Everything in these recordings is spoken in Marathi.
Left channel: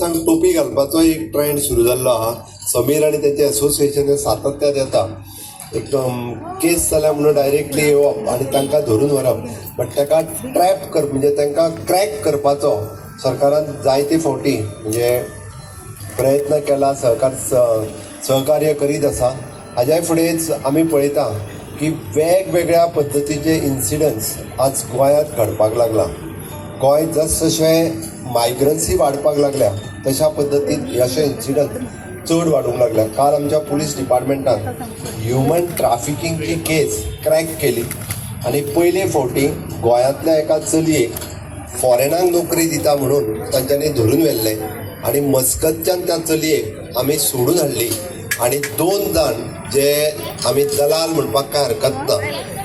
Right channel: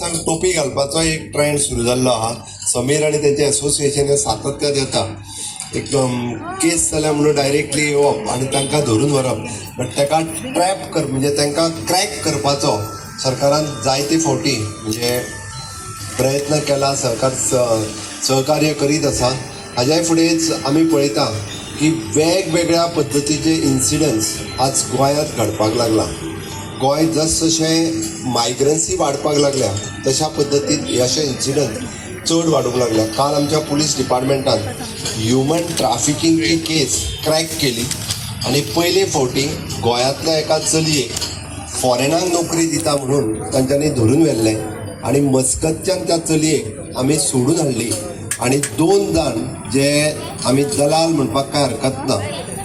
टोपी घालपाचो एक ट्रेंड सुरू जाल्लो आहा. समीर आनी तेचे एसोसिएशन सातत्यात येता एकदम केस जाल्या म्हणून डायरेक्टली येवप आनी तांकां धरून व्हरप. बट ताका ट्रॅप कर म्हणजे तांकां क्रॅक करपाचो सरकारान जायते फावटी म्हणजे प्रयत्न केला. सरकार सहकार्य करीत आसा. हाज्याय फुडेंच आमी पळयता की वेगवेगळ्या पद्दतीचे इन्सिडंट्स आज गोंयांत घडपाक लागला. गोंय जसजशें मायग्रन्सी वाडपाक लागल्या तशा पद्दतीन अशे इन्सिडंट चड वाडूंक लागल्या. काल आमच्या पुलीस डिपार्टमेंटान ह्युमन ट्राफिकिंगची केस क्रॅक केली आनी पयले फावटी गोंयांतल्या एका चलयेक फॉरेनाक नोकरी दिता म्हणून तांच्यांनी धरून व्हेल्ले आनी मस्कतच्यान त्या चलयेक आमी सोडून हाडली. आनी 2 जाण जे आमी दलाल म्हणपाक काय हरकत ना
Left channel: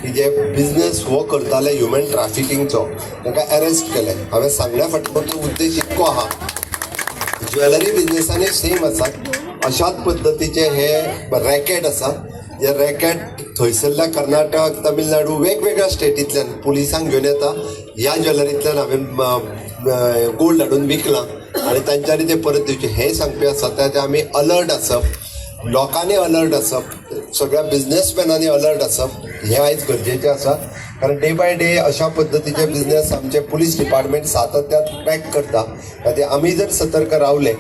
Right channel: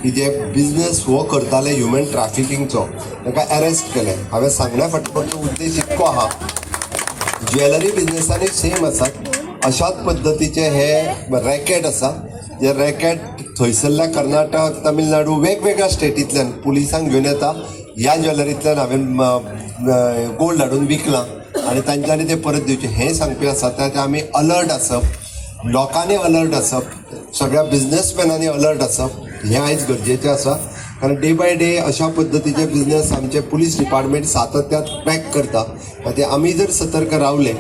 की जे बिझनेस हो करताले ह्युमन ट्राफिकिंगचो ताका अरेस्ट केले. हांवें सांगल्या फाटल्याचो उद्देश इतको आहा ज्वेलरी बिझनेसांनी सेम आसा. अशाच पद्दतीचे हे रॅकेट आसा जे रॅकेट थंयसरल्या कर्नाटक तामिळनाडू वेगवेगळ्या स्टेटींतल्यान पुलिसांक घेवन येता. ह्या ज्वेलरींतल्यान हांवें गोल्ड हाडून विकलां आनी तांच्यांनी ते परत दिवचे हे सांगपी आसा. ते आमी अलर्ट आसप, लोकांनी अलर्ट आसप, सगळ्या बिझनेसमॅनांनी अलर्ट आसप हें आयज गरजेचें आसा. कारण डे बाय डे अशा पद्दतीचे बिझनेस आमचे पुलीस डिपार्टमेंट सातत्यात ट्रॅक करता. खातीर आमी जर सतर्क रावले,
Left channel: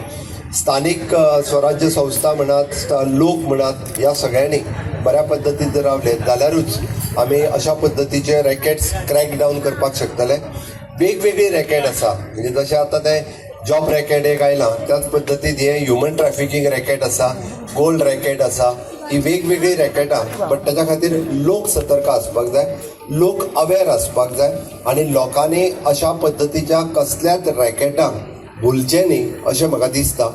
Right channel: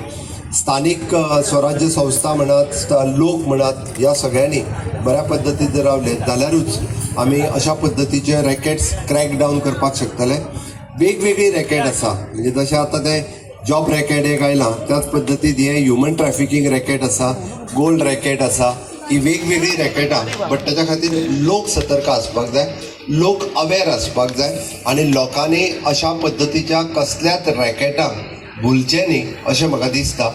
स्थानीक स्वराज्य संस्था म्हणत, लोक म्हणत, ह्या सगळ्यांनी बऱ्या पद्दतीन जर रावले जाल्यारूच आमी अशा पद्दतीचे रॅकेट्स क्रॅक डावन करपाक शकतले. वेगवेगळी रॅकेट आसा म्हणजे जशें आतां ते जॉब रॅकेट एक आयला त्याच पद्दतीन हे ह्युमन ट्रॅफिकिंग रॅकेट आसा, गोल्ड रॅकेट आसा. ही वेगवेगळी रॅकेटां. बट ताच्या खातीर लोक सतर्क आसपाक जाय, लोक अवेर आसपाक जाय आनी लोकांनी अशा पद्दतीच्या कसल्याच रॅकेटांक भुलचें न्ही अशें म्हाका दिसता.